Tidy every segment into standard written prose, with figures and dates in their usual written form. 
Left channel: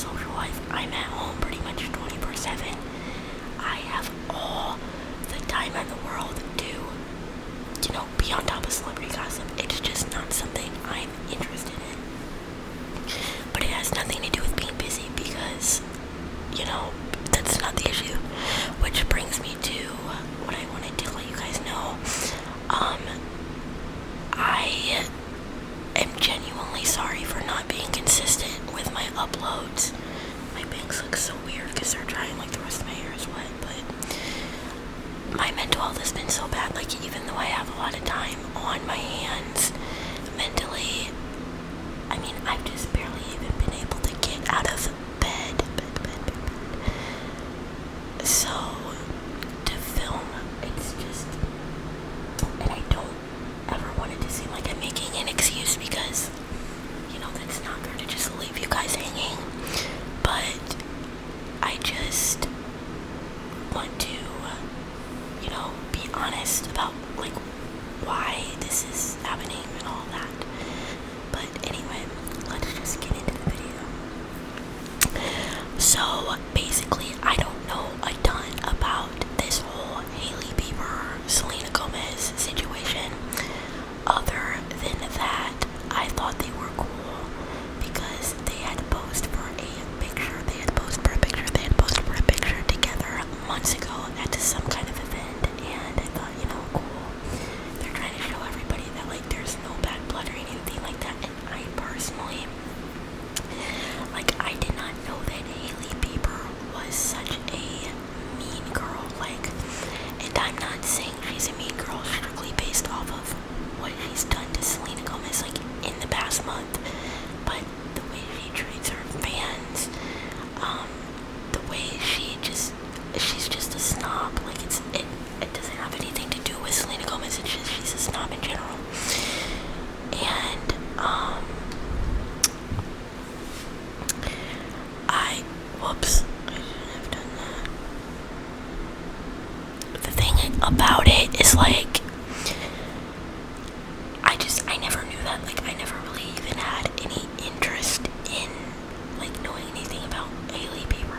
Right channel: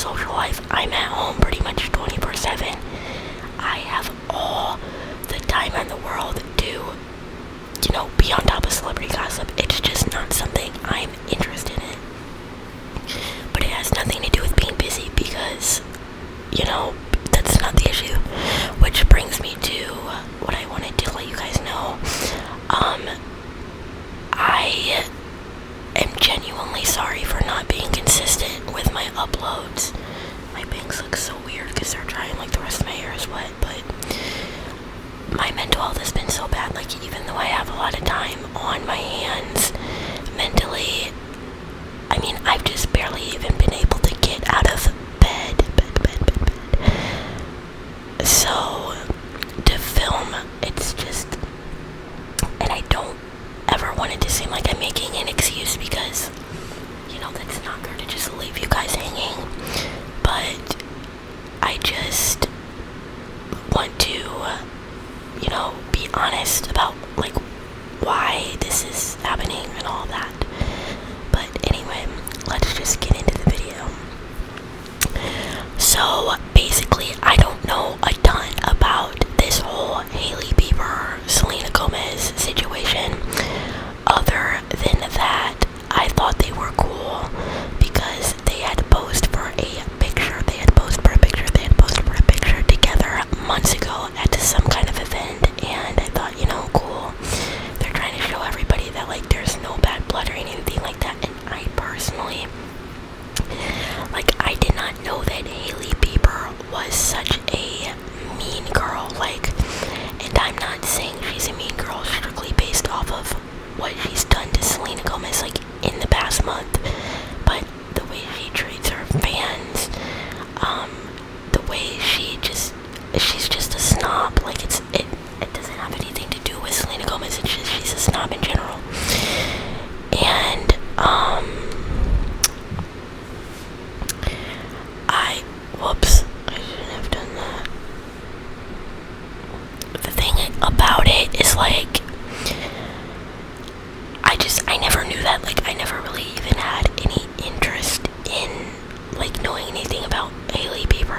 social life. I'm at home pretty much 24/7. I have all the time in the world to, be on top of celebrity gossip. It's just not something I'm interested in. But it has nothing to do with being busy because, that's not the issue. Which brings me to what I wanted to let you guys know. I am genuinely sorry for not being consistent with my uploads. My bangs look so weird because they're drying like the rest of my hair is wet, but my mental health has been so bad. Like, even though I have a lot of time on my hands mentally, I've just barely even been able to get out of bed. So, to film, it's just, and I don't ever want it to seem like I'm making an excuse because, that's not fair to just leave you guys hanging. But I just want to, be honest about, why this is happening and all that. But anyway, let's just get into the video. So, basically, I don't know a ton about this whole Hailey Bieber, Selena Gomez situation. Other than that, I thought they were cool because they had posed for a picture. They had posed for a picture together months ago at some kind of event, and I thought, cool. They're trying to show everybody that, there's no bad blood or anything like that. And I personally, I did not know that Hailey Bieber was such a mean girl. And I'm not saying she's a mean girl strictly based off of what she's done to Selena Gomez, in the past month, but the way she treats her fans, the way she's just a snob. It doesn't have anything to do with Selena Gomez, it's just she's a snob in general. And, whoops, I shouldn't have done that. The thing about it is, I never knew that. I never really even had any interest in, knowing anything about Hailey Bieber.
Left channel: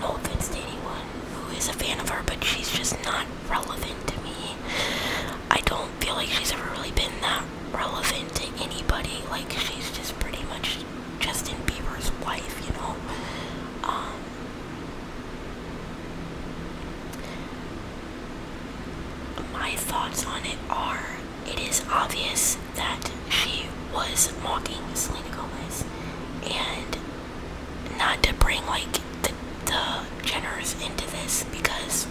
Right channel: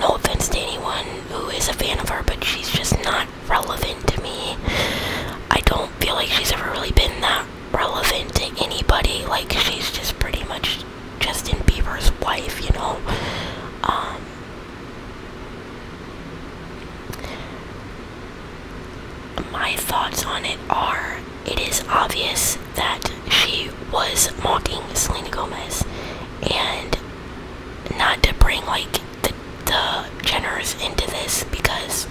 No offense to anyone who is a fan of her, but she's just not relevant to me. I don't feel like she's ever really been that relevant to anybody. She's just pretty much Justin Bieber's wife, My thoughts on it are, it is obvious that she was mocking Selena Gomez, and not to bring the Jenners into this because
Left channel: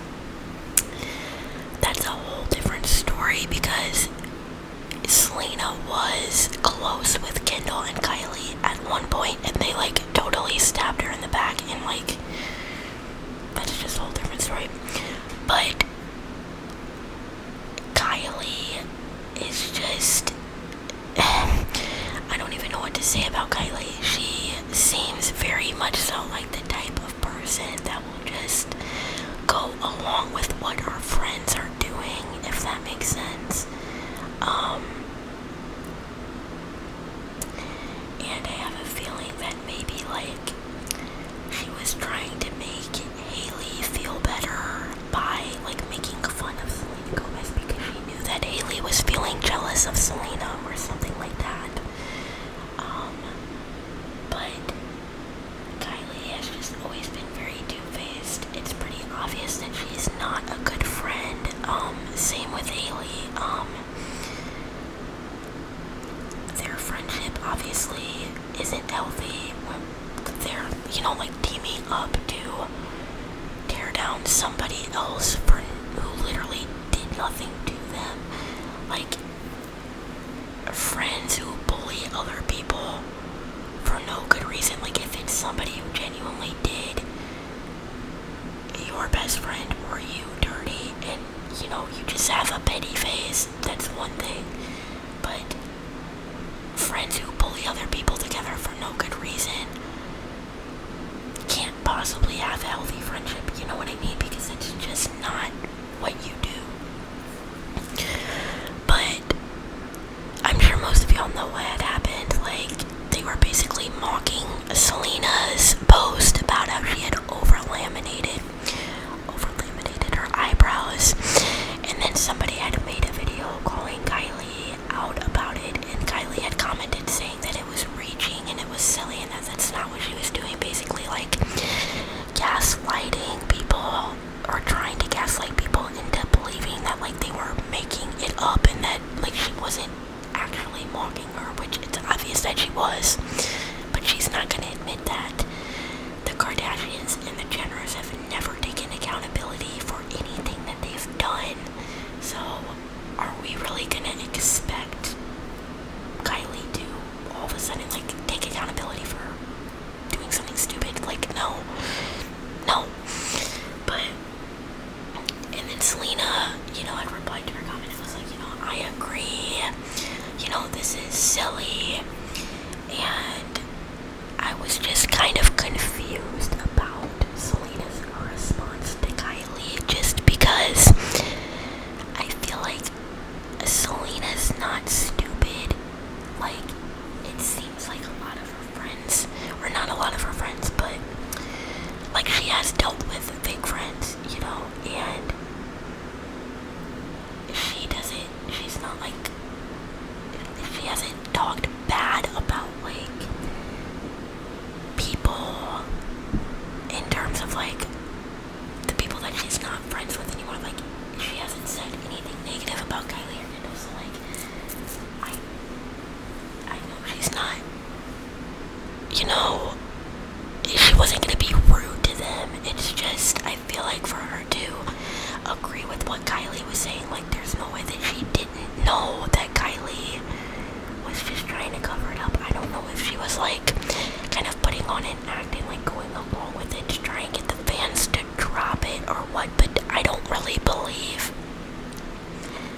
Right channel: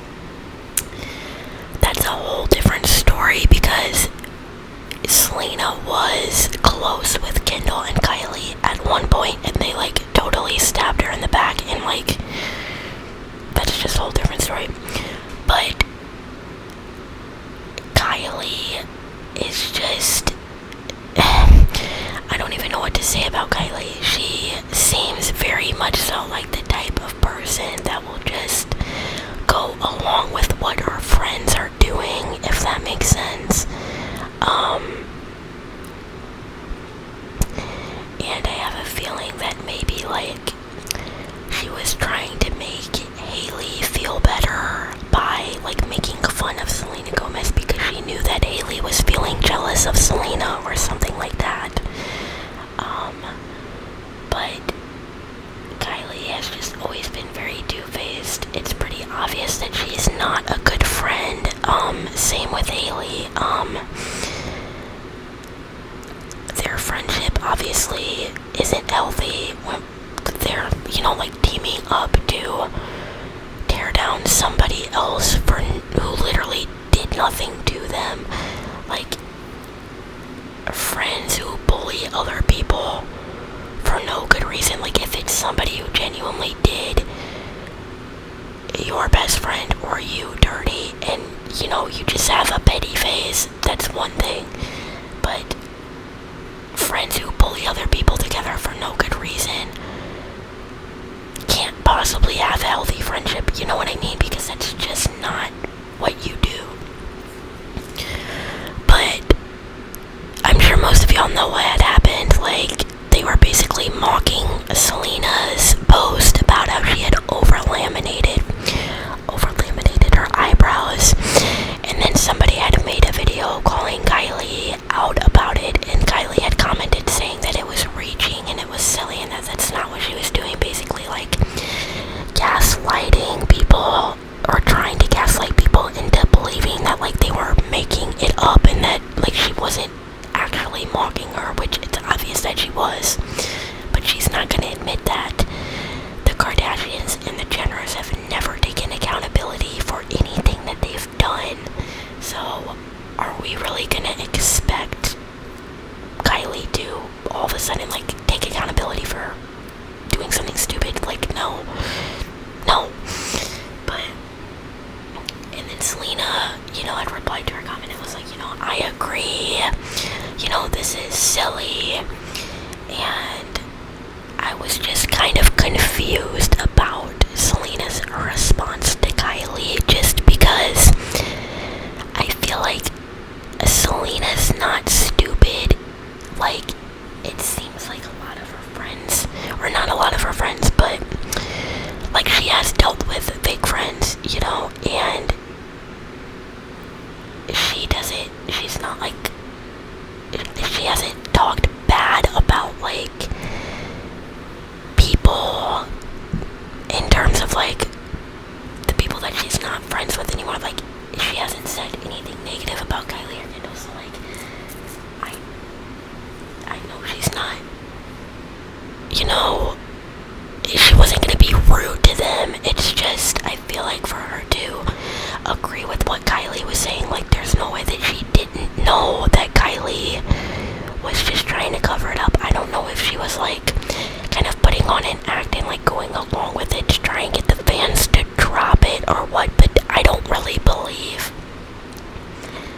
that's a whole different story, because Selena was close with Kendall and Kylie at one point, and they totally stabbed her in the back, and that's just a whole different story. But Kylie is just, I don't even know what to say about Kylie. She seems very much so like the type of person that will just go along with what her friends are doing, if that makes sense. And I have a feeling that maybe she was trying to make Hailey feel better by making fun of Selena Gomez because she knew that Hailey was feeling jealous of Selena or something like that. But Kylie has just always been very two-faced. It's pretty obvious that she's not a good friend. Same with Hailey. Their friendship obviously isn't healthy when they're, teaming up to tear down somebody else who literally did nothing to them. Friends who bully other people for no good reason. If it's somebody who genuinely did your best friend or you dirty, and you just have a petty face, that's one thing. But friends who bully other people together for no good reason can't possibly have a healthy friendship, you know what I mean? Because that's just not what you do. But I'm sure most of y'all know what had happened. They were basically mocking Selena has dealt with fake friends, and she's not like, she hasn't talked bad about like people in terms of like the people that she's not friends with anymore. Like, she hasn't said anything negative about Kylie or Kendall, so like I know she's not, she wasn't gonna be rude to them. It's just, I feel like for her to agree with what Kylie was saying, like, there's no way that she didn't know that Kylie was just trying to cover it up. I don't know if she was like kind of putting on an act and like going along with it to try and get the fans to drop it or what, but I don't really believe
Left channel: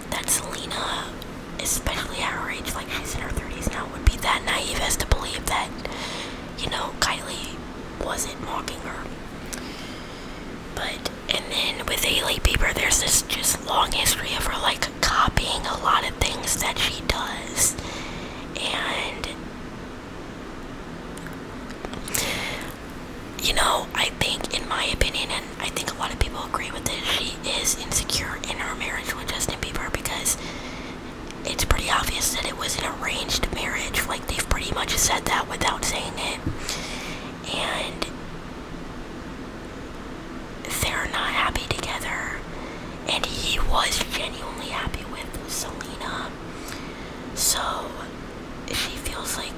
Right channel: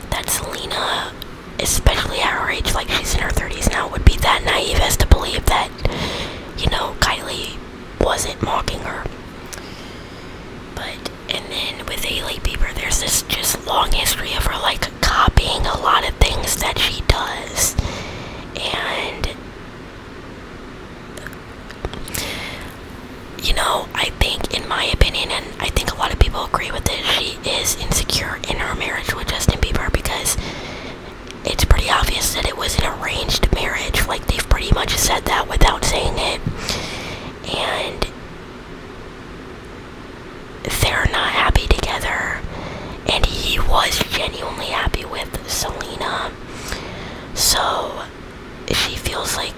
that Selena, especially at her age, like she's in her 30s now, would be that naive as to believe that, Kylie wasn't mocking her. But, and then with Hailey Bieber, there's this just long history of her like copying a lot of things that she does. And, I think, in my opinion, and I think a lot of people agree with this, she is insecure in her marriage with Justin Bieber, because it's pretty obvious that it was an arranged marriage. Like, they've pretty much said that without saying it. And they're not happy together. And he was genuinely happy with Selena. So she feels like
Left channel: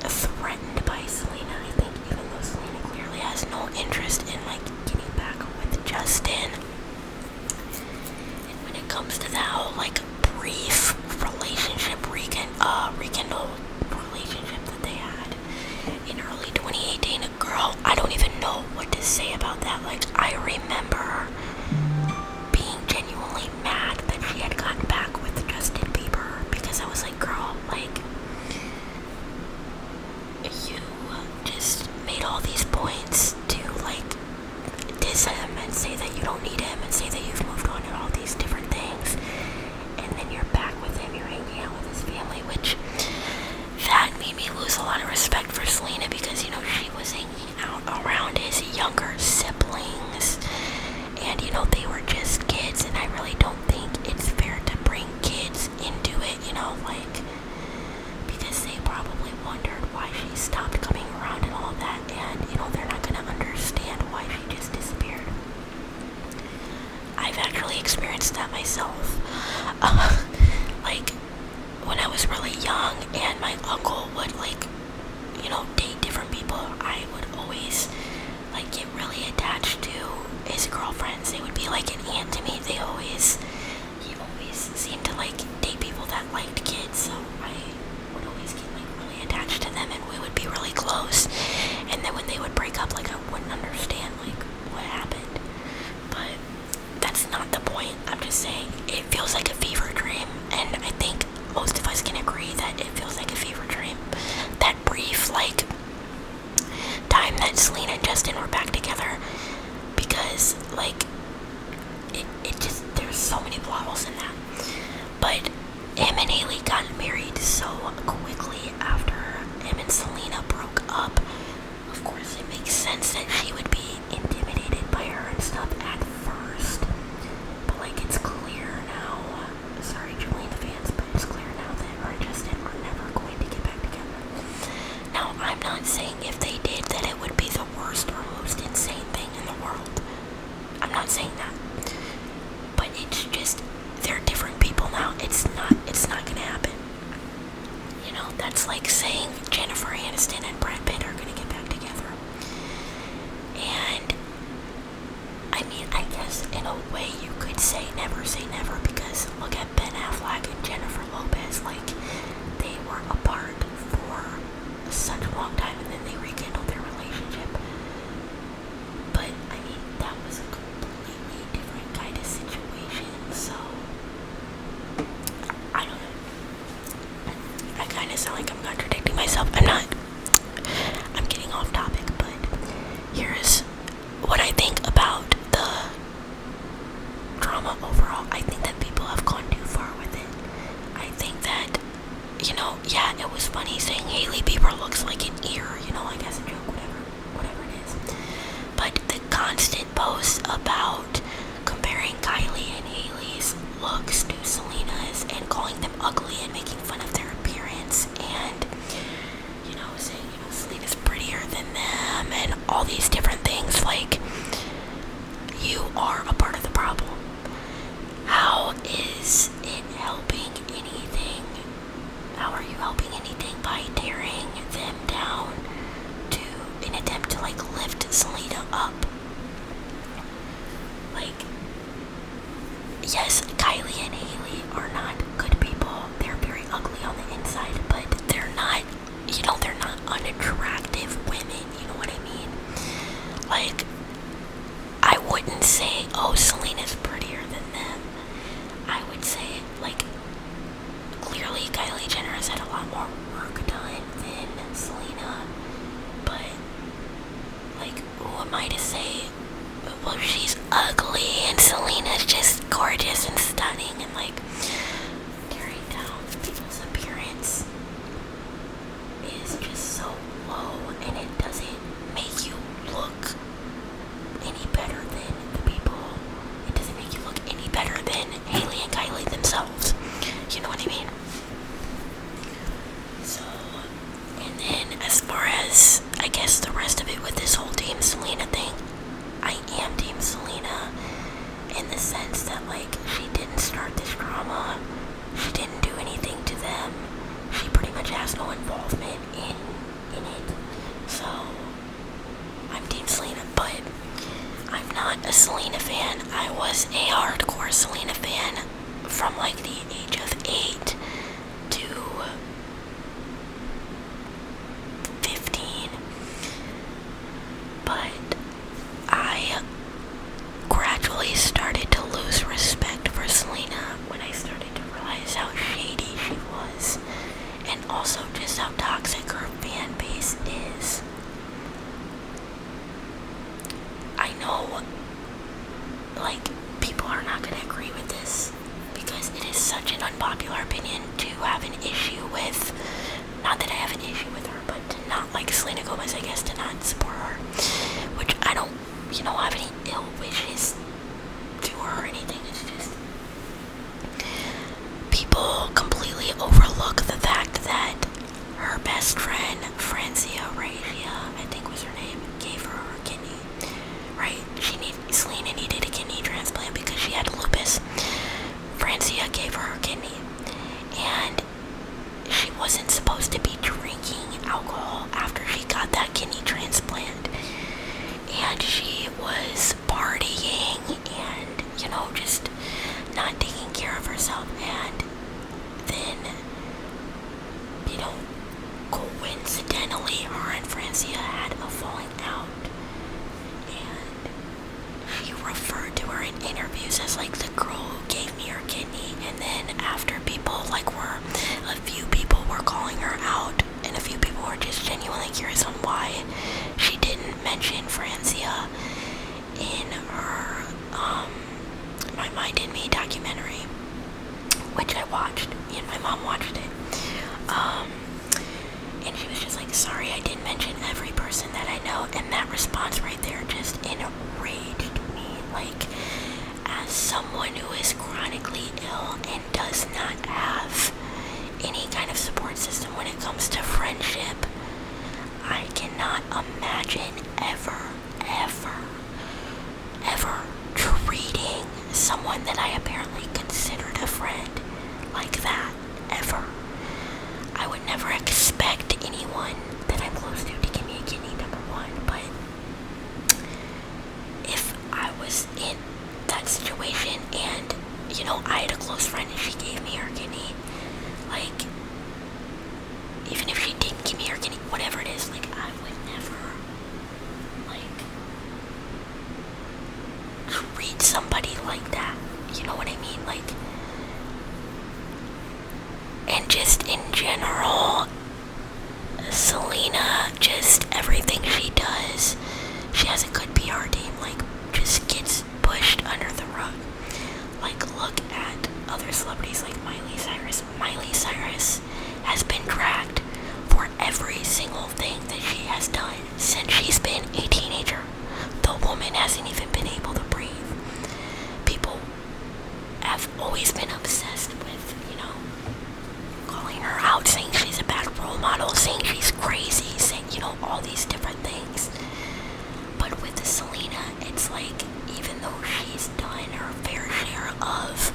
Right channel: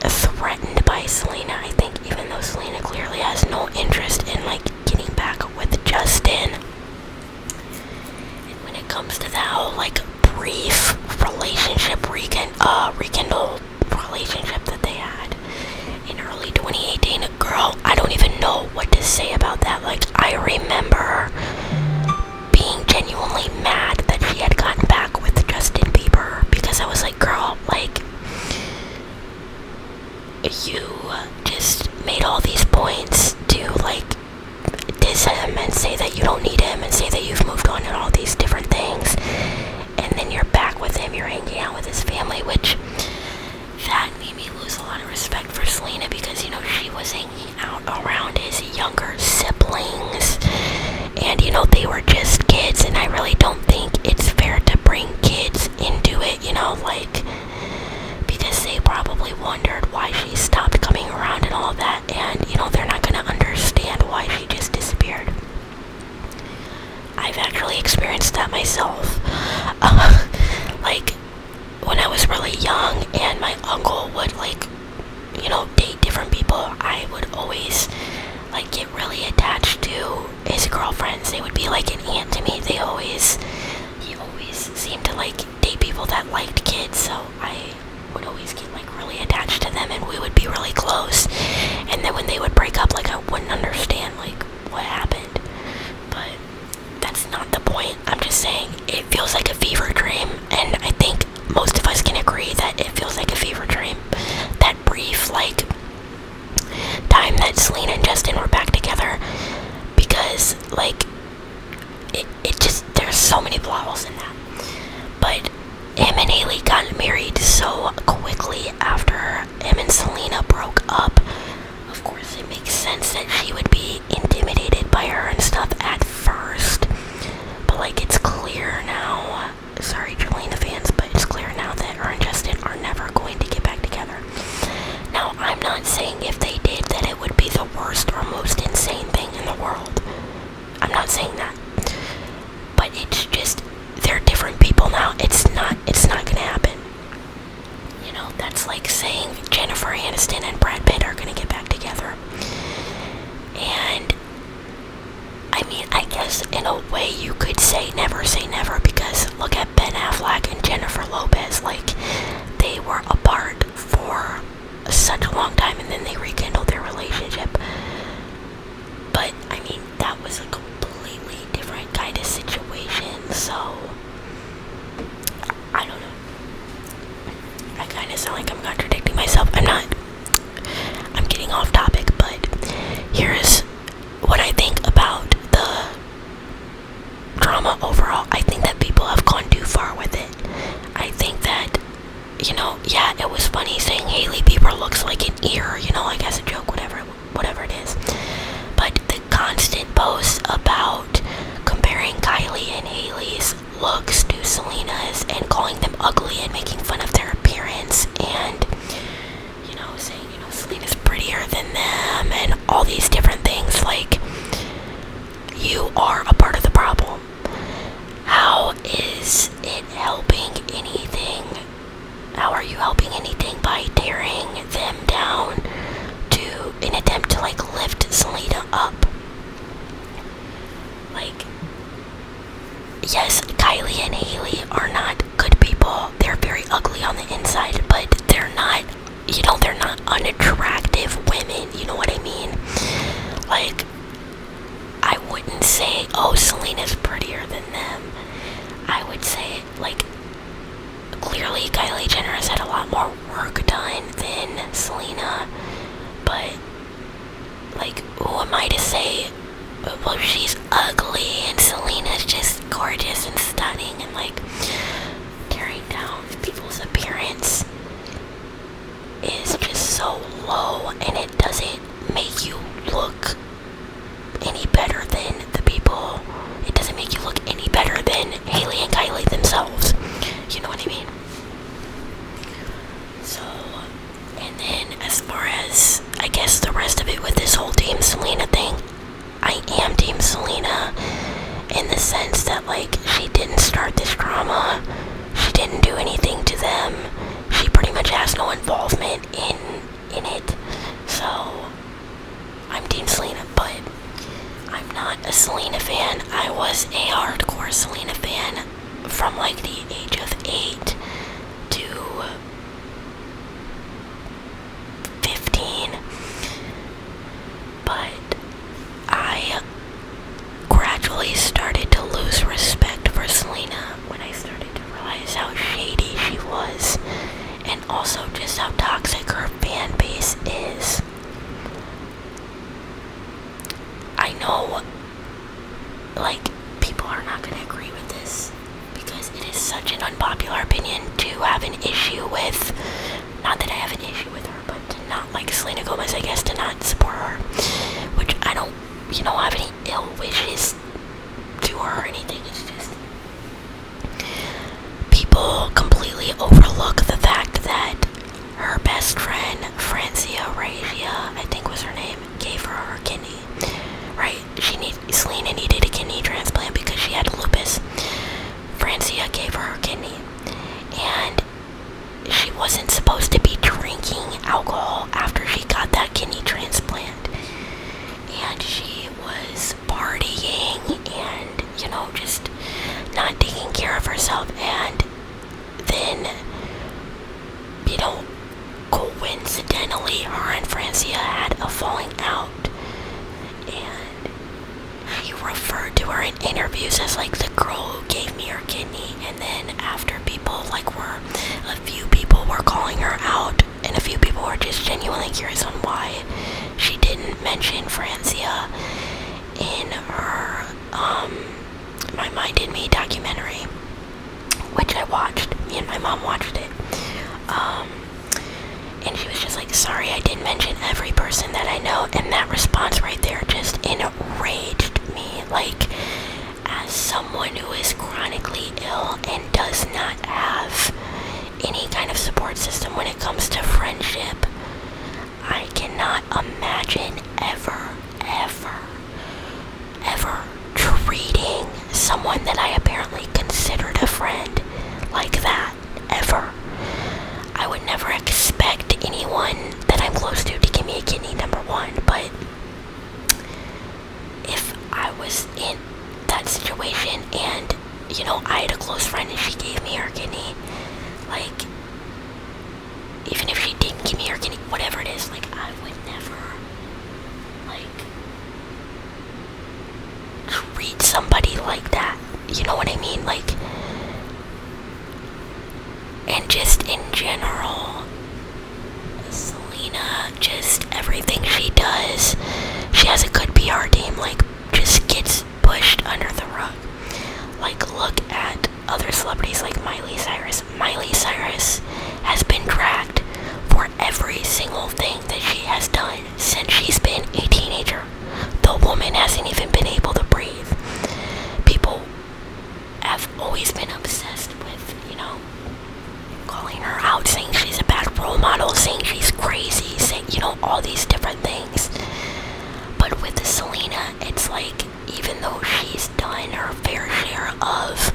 threatened by Selena, I think, even though Selena clearly has no interest in like getting back with Justin. And when it comes to that whole like brief relationship, rekindled relationship that they had in early 2018, girl, I don't even know what to say about that. Like, I remember being genuinely mad that she had gotten back with Justin Bieber, because I was like, girl, like, you just made all these points to like diss him and say that you don't need him and say that you've moved on and all these different things, and then you're back with him, you're hanging out with his family, which that made me lose a lot of respect for Selena, because she was hanging out around his younger siblings, and they were just kids, and I really don't think it's fair to bring kids into it, like, because they probably wondered why she stopped coming around and all that, and they're not gonna understand why she just disappeared. I've actually experienced that myself. Like, when I was really young and my uncle would like, date different people, I would always like get really attached to his girlfriends. They would be like an aunt to me. He always seemed to like date people that liked kids, so I would always get like really attached to them, and we would be really close. And then when they would break up, like, I wouldn't understand like what happened. But that's not the point. I'm just saying it feels like a fever dream, and I think most of us can agree that it feels like a fever dream. That brief like time that Selena and Justin were back together, because like it just, there's so many plot holes in that. But him and Hailey got married so quickly after him and Selena broke up. Of course, it makes sense that she would be intimidated by her and stuff at first. But like, it's clear now, sorry Jelena fans, but it's clear now that her and Justin are never going to get back together. Now, I'm not saying if they did that it would be the worst or most insane thing in the world. I'm not saying that. But it's just, they're different people now. It's not gonna happen. That's like saying Jennifer Aniston and Brad Pitt are gonna looks to Selena's and calling them ugly and making fun of their appearance and, saying, Selena's prettier than them and all these different things. Like, you are a part of the problem. How is it helping anything? How are you helping anything by tearing them down to an attempt to lift Selena up? Yes, Kylie and Hailey are not good people. They're very ugly on the inside, but they're not, they're not unattractive women. You know what I mean? I wouldn't say, oh, Selena's prettier than them. I would say, clearly Kylie Jenner has had a lot more work done than Selena, but, who am I to say, well, she's ugly and Selena's just gorgeous and stunning, and, tearing down people's appearance is just so low, and it doesn't make you look any better than the people. It doesn't make you look any better than Hailey and Kylie themselves. You know what I mean? So, and then as far as, I guess, the rest of it with this whole Team Selena thing, I am Team Selena in the sense that, she didn't start this drama. She didn't do anything to them. She pretty much has no involvement in it. So, I'm Team Selena, but I'm not a Selena fan. I was a hardcore Selena fan from the age of 8 to 15. But I gradually started to lose respect for Selena when I started to realize how shady she was, and also just how toxic her fan base is. I know, people are not going to agree with this because it is such an unpopular opinion to have an issue with, not that I have an issue with her, but to not like Selena Gomez, I guess, to not support her, which I don't, have any ill wishes to her or anything. It's just people completely overlook the fact that her best friend, Francia Regia, I think was her name, gave her kidney. Right? Selena needed a kidney transplant because she had lupus. Francia gave her kidney, and she wasn't supposed to be drinking alcohol after she got that kidney transplant. And she was partying and, just not taking care of herself. And then, coincidentally, her and Francia had a falling out. And she referred to her in interviews as the girl who gave me her kidney. And then after a few people were calling her out, and a few people were just genuinely curious on why she didn't mention Francia in her My Mind in Me documentary, which I watched. Me and my mom watched it. And she was just sorry, I didn't mention every person that I know. And that response right there just enraged me. As someone who is chronically ill and does not have any kind of support system when it comes to friendship, I cannot imagine ever treating someone that I apparently considered a friend like that, ever. I would never expect anyone that I'm close to give me a kidney, number one, but if I was in that situation and, I had a close friend and she gave me her kidney, even if she didn't give me her kidney, whatever it is, I would never, treat somebody like that, you know what I mean, and just in general, Selena, just everything she does, she has a good PR team, just gets pushed under the rug. Look at other celebrities like Miley Cyrus. Miley Cyrus has been dragged for every single thing that she has done since she's been a teenager. The woman hasn't even been able to breathe. People have always all these different things. But with Selena, it's like, even though she's done her fair share of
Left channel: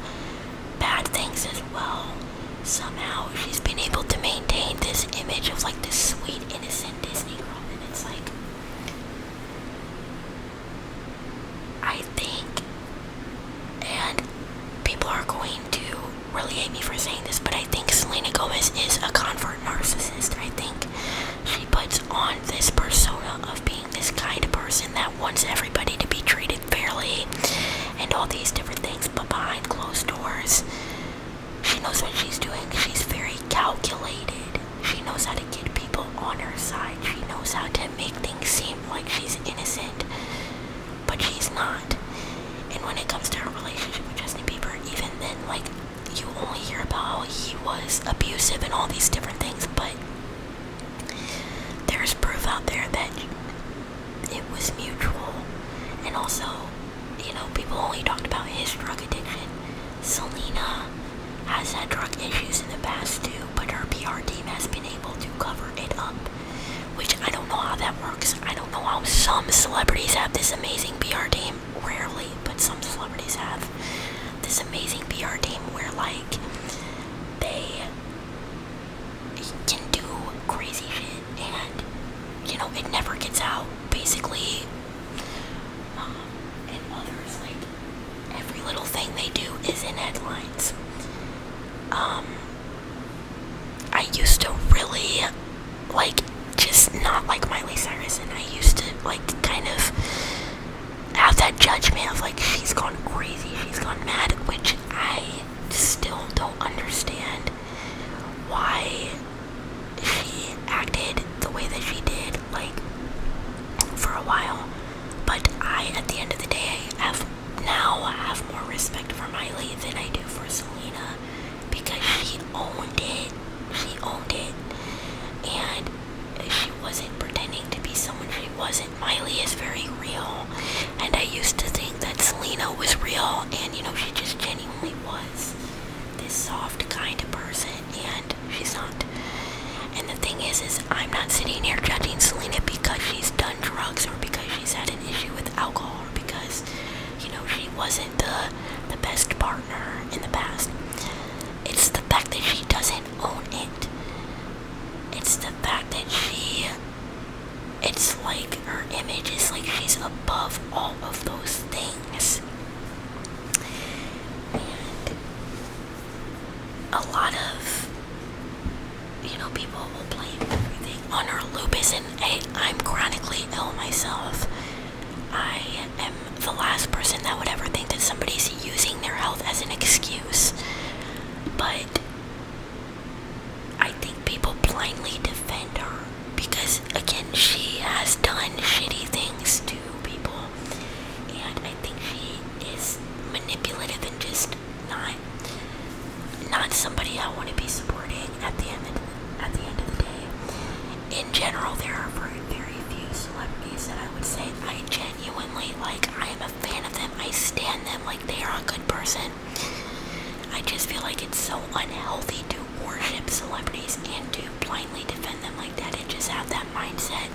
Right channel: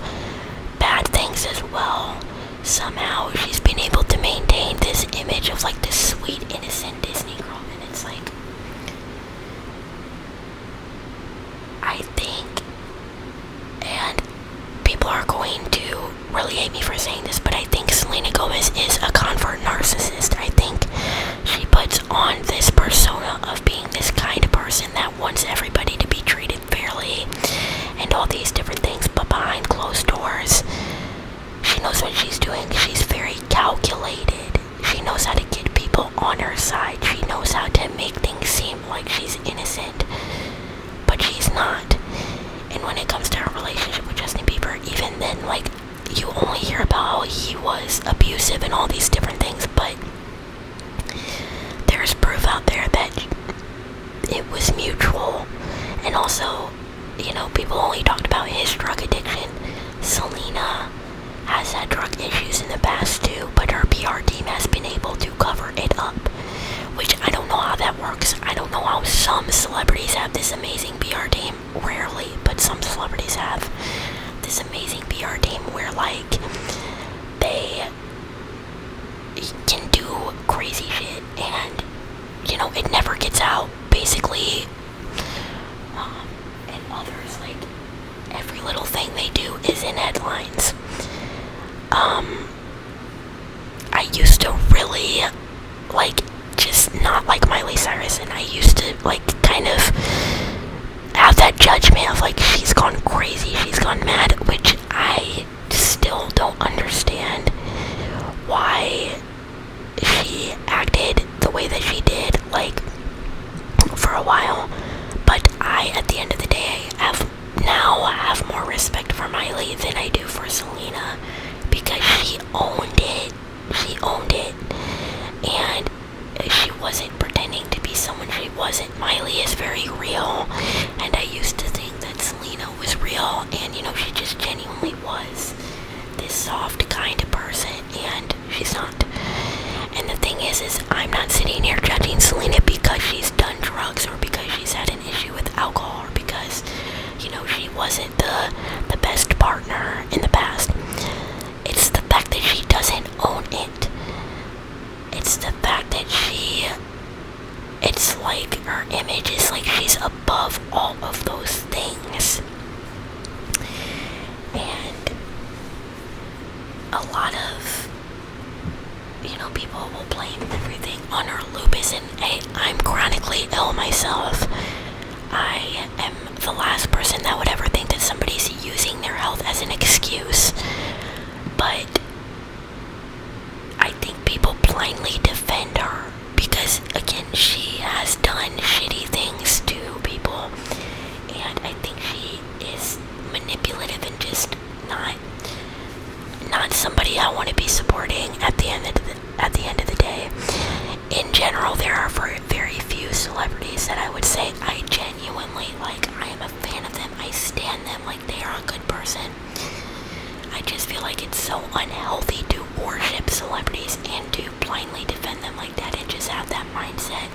bad things as well, somehow she's been able to maintain this image of like this sweet, innocent Disney girl. And it's like, I think, and people are going to really hate me for saying this, but I think Selena Gomez is a convert narcissist. I think she puts on this persona of being this kind of person that wants everybody to be treated fairly and all these different things, but behind closed doors, she knows what she's doing. She's very calculated. She knows how to get people on her side. She knows how to make things seem like she's innocent, but she's not. And when it comes to her relationship with Justin Bieber, even then, like, you only hear about how he was abusive and all these different things, but there's proof out there that it was mutual. And also, you know, people only talked about his drug addiction. Selena has had drug issues in the past too, but her PR team has been able to cover it up, which I don't know how that works. I don't know how some celebrities have this amazing PR team. Rarely, but some celebrities have this amazing PR team where, like, they can do crazy shit and, you know, it never gets out, basically. And others, like, every little thing they do is in headlines. I used to really, like, just not like Miley Cyrus, and I used to, like, kind of have that judgment of, like, she's gone crazy, she's gone mad, which I still don't understand why she acted the way that she did, like, for a while. But I, at the end of the day, have more respect for Miley than I do for Selena, because she owned it. She owned it, and she wasn't pretending to be someone she wasn't. Miley is very real, and I used to think that Selena was real, and, you know, she just genuinely was this soft kind of person, and she's not. And the thing is I'm not sitting here judging Selena because she's done drugs, or because she's had an issue with alcohol, or because, you know, she wasn't the best partner in the past. It's the fact that she doesn't own it. It's the fact that it's like her image is like she's above all of those things. And a lot of, you know, people will blame everything on her lupus, and I'm chronically ill myself. I am the last person that would ever think that somebody's using their health as an excuse. But I think people blindly defend her because, again, she has done shitty things to people, and I think she is manipulative and just not somebody I want to be supporting at the end of the day. In general, there are very few celebrities that I would say I genuinely like. I am a fan of them. I stan them like they are a good person. I just feel like it's so unhealthy to worship celebrities and to blindly defend them like that, and just have that mindset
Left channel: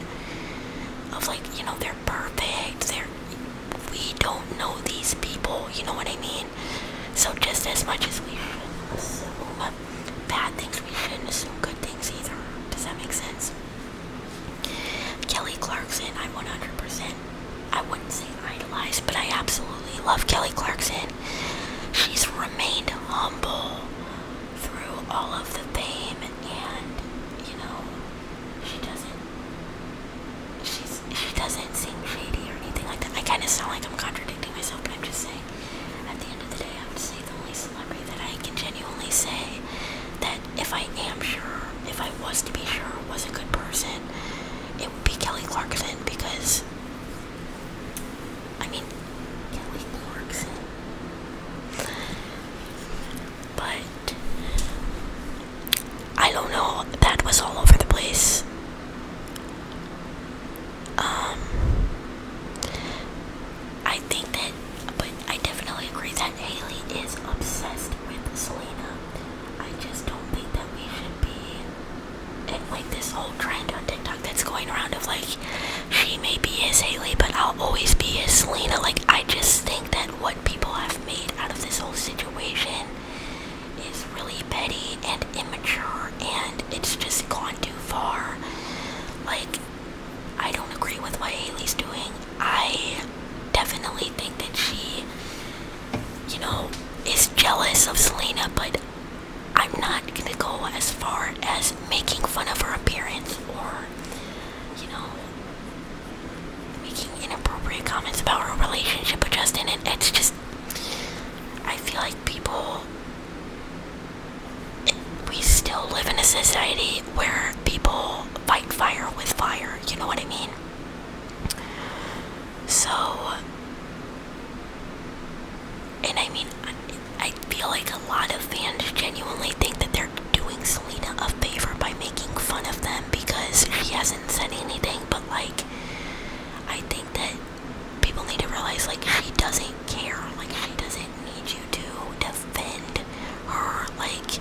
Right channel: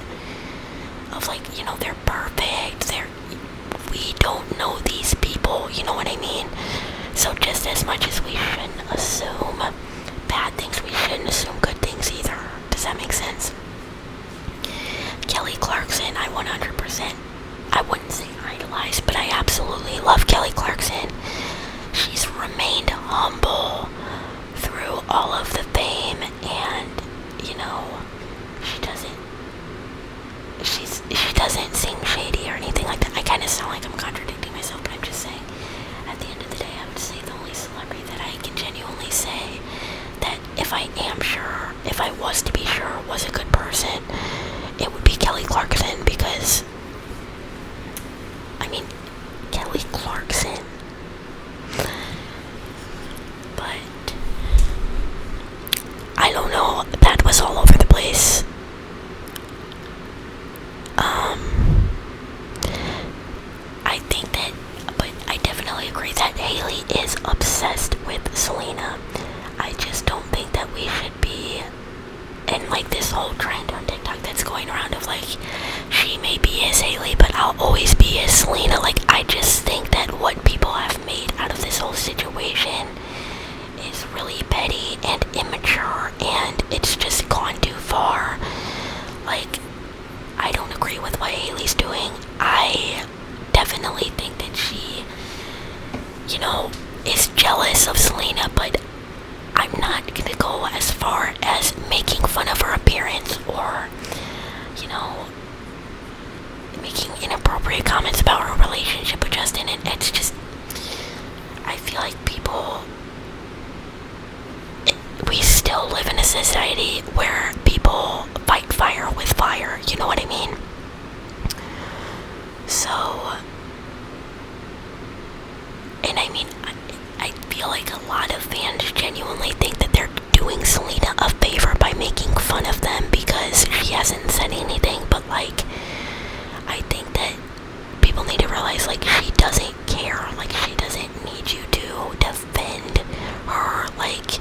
of, like, you know, they're perfect. We don't know these people, you know what I mean? So just as much as we shouldn't assume bad things, we shouldn't assume good things either. Does that make sense? Kelly Clarkson, I 100%, I wouldn't say idolize, but I absolutely love Kelly Clarkson. She's remained humble through all of the fame, and, you know, she doesn't seem shady or anything like that. I kind of sound like I'm contradicting myself, but I'm just saying, at the end of the day, I would say the only celebrity that I can genuinely say that if I was to be sure was a good person, it would be Kelly Clarkson, because, I mean, Kelly Clarkson. But I don't know, that was all over the place. I think that, but I definitely agree that Hailey is obsessed with Selena. I just don't think that we should be in, like, this whole trend on TikTok that's going around of, like, inappropriate comments about her relationship with Justin, and it's just, I feel like people, we still live in a society where people fight fire with fire, you know what I mean? So, and I mean, I feel like a lot of fans genuinely think that they're doing Selena a favor by making fun of them because she hasn't said anything, but like, I think that people need to realize, like, she doesn't care, like, she doesn't need you to defend her, like,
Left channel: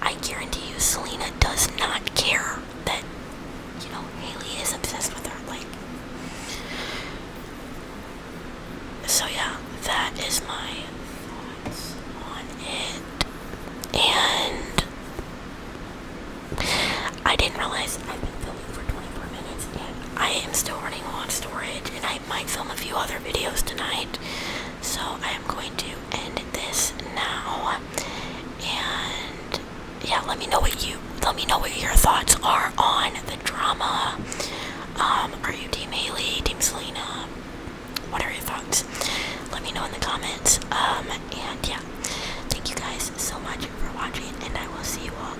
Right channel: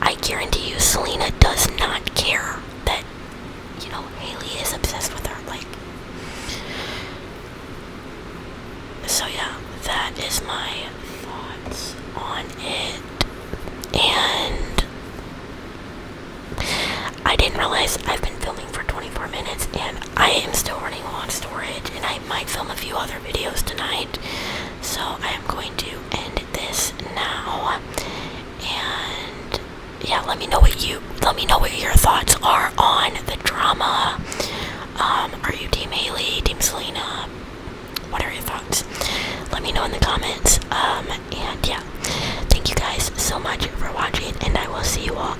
I guarantee you Selena does not care that, you know, Hailey is obsessed with her, like, so yeah, that is my thoughts on it, and I didn't realize I've been filming for 24 minutes, and I am still running low on storage, and I might film a few other videos tonight, so I am going to end this now, and yeah, let me know what your thoughts are on the drama. Are you Team Hailey, Team Selena? What are your thoughts? Let me know in the comments. And yeah, thank you guys so much for watching, and I will see you all